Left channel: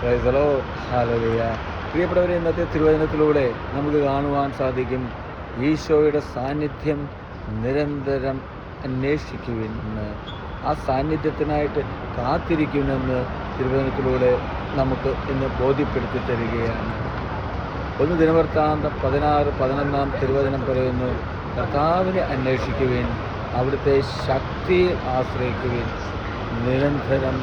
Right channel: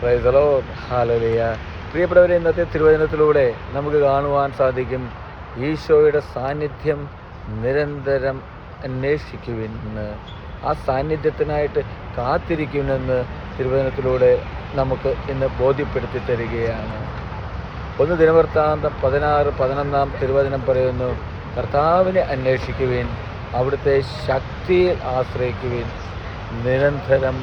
Praise the Lord. Hallelujah. പ്രിയപ്പെട്ടവരെ, ഇന്നത്തെ തിരുവചനത്തിലൂടെ നമുക്ക് കാണുവാൻ സാധിക്കും, ഈശോയുടെ സാന്നിധ്യം നിരന്തരം അന്വേഷിക്കുവിൻ എന്ന്, ആ സാന്നിധ്യത്തിനായിട്ട് കാത്തിരിക്കുമെന്ന് തിരുവചനത്തിലൂടെ നമുക്ക് ഇന്ന് ബോധ്യപ്പെടുത്തി തരികയാണ്. 1 ദിനവൃത്താന്തം 16:11 തിരുവചനം പറയുന്നു, കർത്താവിനെ അന്വേഷിക്കുവിൻ, അവിടുത്തെ ശക്തിയിൽ ആശ്രയിക്കുവിൻ, നിരന്തരം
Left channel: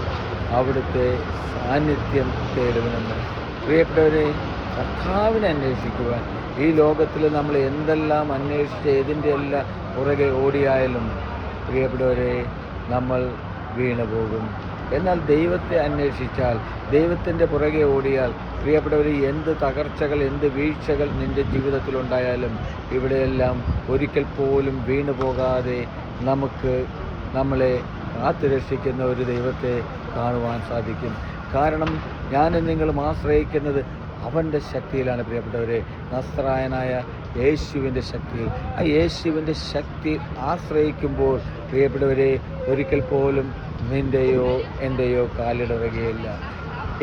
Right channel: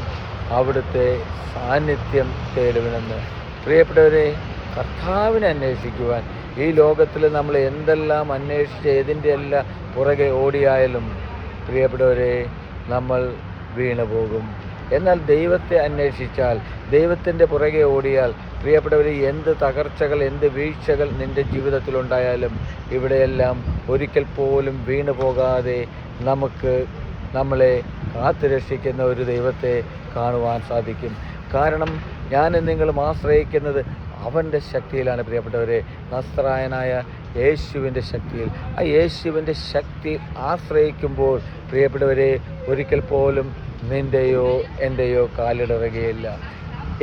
അവിടുത്തെ സാന്നിധ്യം തേടുവിനെന്ന്. പ്രിയപ്പെട്ടവരെ, കർത്താവിനെ അന്വേഷിക്കുവാൻ ഈ ലോകത്തിൽ നമ്മൾ എന്തെല്ലാം അന്വേഷിച്ച് ഏതിൻ്റെ എല്ലാം പുറകെ ഓടിയായാലും പ്രിയപ്പെട്ടവരെ നമ്മൾ വീണു പോകും. എന്നാൽ ദൈവത്തെ അന്വേഷിച്ചാൽ, ദൈവത്തിൻ്റെ പുറകെ ഓടിയാൽ പ്രിയപ്പെട്ടവർ, എന്ത് തകർച്ചകൾ, എന്ത് വീഴ്ചകൾ നിൻ്റെ ജീവിതത്തിലുണ്ടായാലും ഇവിടെയെല്ലാം ഒരിക്കൽ പോലും വീണു പോകാതെ നമ്മളെ കാത്തുരക്ഷിക്കുന്ന ഒരു ദൈവത്തെ കാണുവാൻ സാധിക്കും. കാരണം ഞാനും നിങ്ങളും ആശ്രയിക്കുന്നത് അവൻ്റെ ശക്തിയിലാണ് പ്രിയപ്പെട്ടവരെ, നസ്രായനായ യേശുവിൻ്റെ ശക്തിയിൽ. ആ യേശുവിൻ്റെ ശക്തി ആശ്രയിക്കുമ്പോൾ പ്രിയപ്പെട്ടവരെ, ഒരിക്കൽ പോലും നിൻ്റെയോ എൻ്റെയോ കാലിടറുകയില്ല.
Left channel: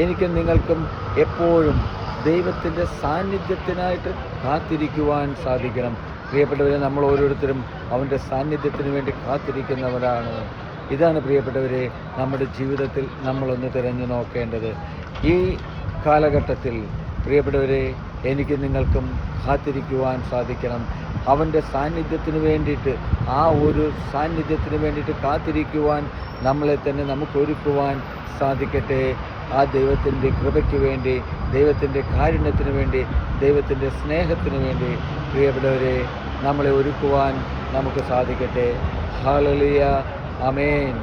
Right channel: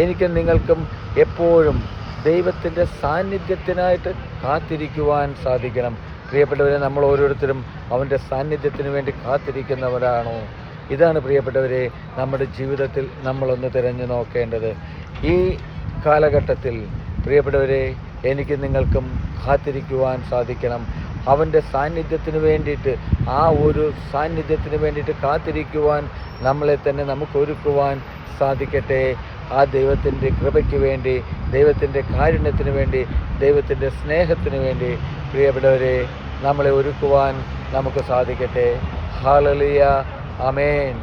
എനിക്കും നിങ്ങൾക്കും എപ്പോഴും ദൈവത്തിൻ്റെ സാന്നിധ്യത്തിനായിട്ട് കാത്തിരിക്കുവാൻ സാധിക്കണം. പ്രിയപ്പെട്ടവരെ, നമ്മൾ ഓരോരുത്തരും അവൻ്റെ സാന്നിധ്യത്തിന് വേണ്ടി കാത്തിരിക്കുന്നവരാണോ? ഇതാണ് പ്രിയപ്പെട്ടവരെ നമ്മുടെ ജീവിതത്തിൽ നമ്മളൊന്ന് തിരഞ്ഞു നോക്കേണ്ടത്. ഈ കാലഘട്ടത്തിൽ പ്രിയപ്പെട്ടവരെ, എനിക്ക് നിങ്ങൾക്കും കാത്തിരിക്കുവാൻ സാധിക്കണം. അവൻ്റെ സാന്നിധ്യത്തിന് വേണ്ടിയിട്ട്, ആ ഒരു സാന്നിധ്യത്തിന് വേണ്ടിയിട്ട് കാത്തിരിക്കുവാൻ നമ്മളെ തന്നെ നമുക്ക് ഒരുക്കുവാൻ സാധിക്കട്ടെ. ആ ദൈവത്തിൻ്റെ കൃപയ്ക്ക് വേണ്ടി, ദൈവത്തിൻ്റെ കാരുണ്യത്തിന് വേണ്ടി, ദൈവത്തിൻ്റെ സ്നേഹത്തിന് വേണ്ടി പ്രിയപ്പെട്ടവരെ നമ്മളെ ഒരുക്കുവാൻ നമുക്ക് സാധിക്കട്ടെ. ഹല്ലേലൂയ. ആമേൻ.